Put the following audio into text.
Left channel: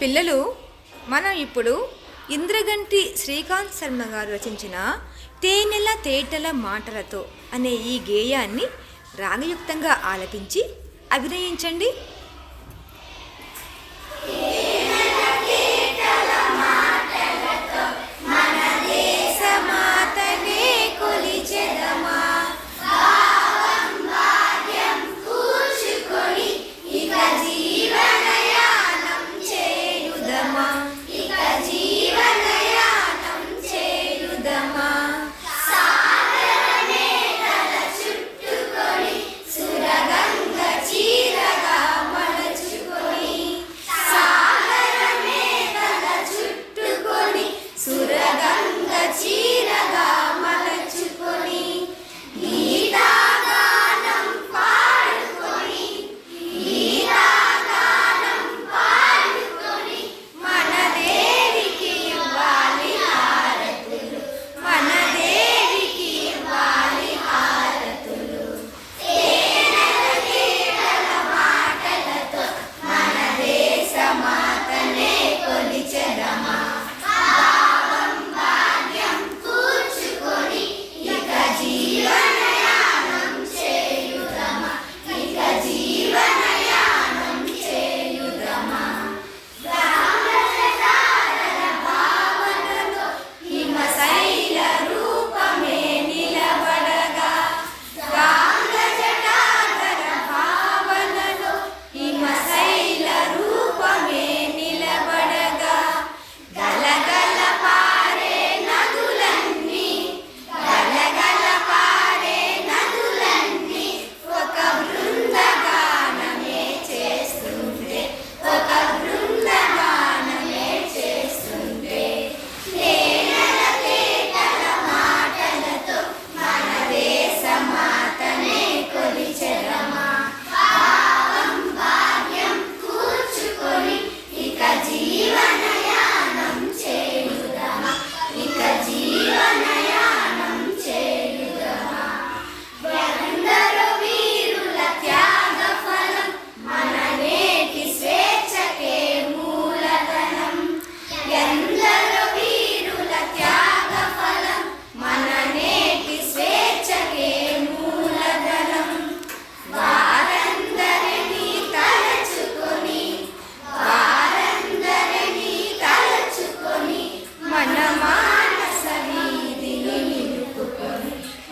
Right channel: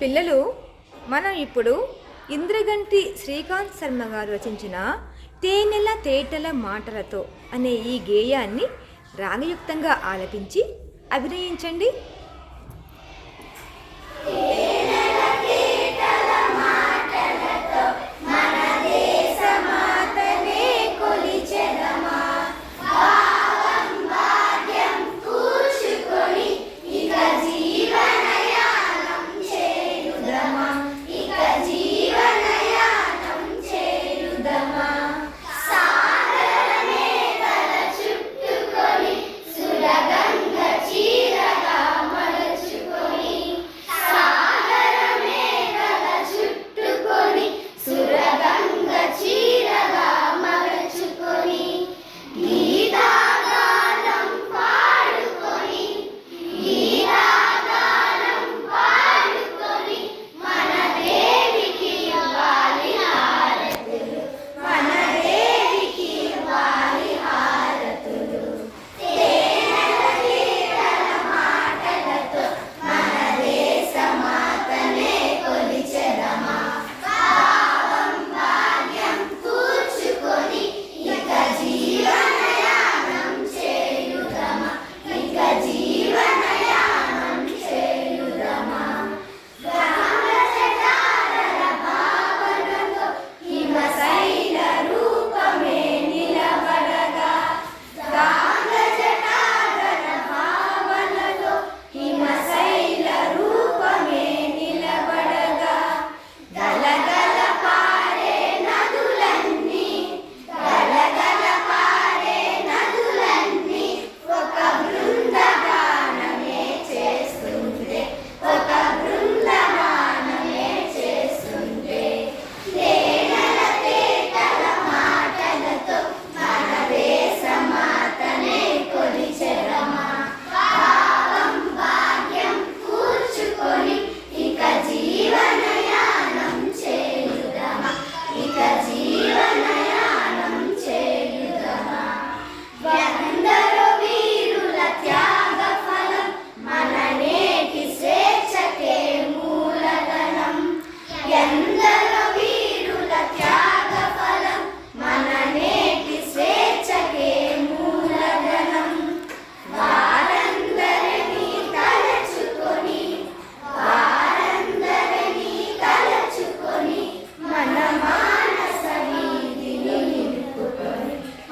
పిల్లలు మనం ఇప్పుడు ఇంద్రగంటి శ్రీకాంత్ శర్మ గారు రచించిన తేనెల తేటల మాటలతో అనే ఈ గేయాన్ని రాగయుక్తంగా ఆలపించి అభినయించండి.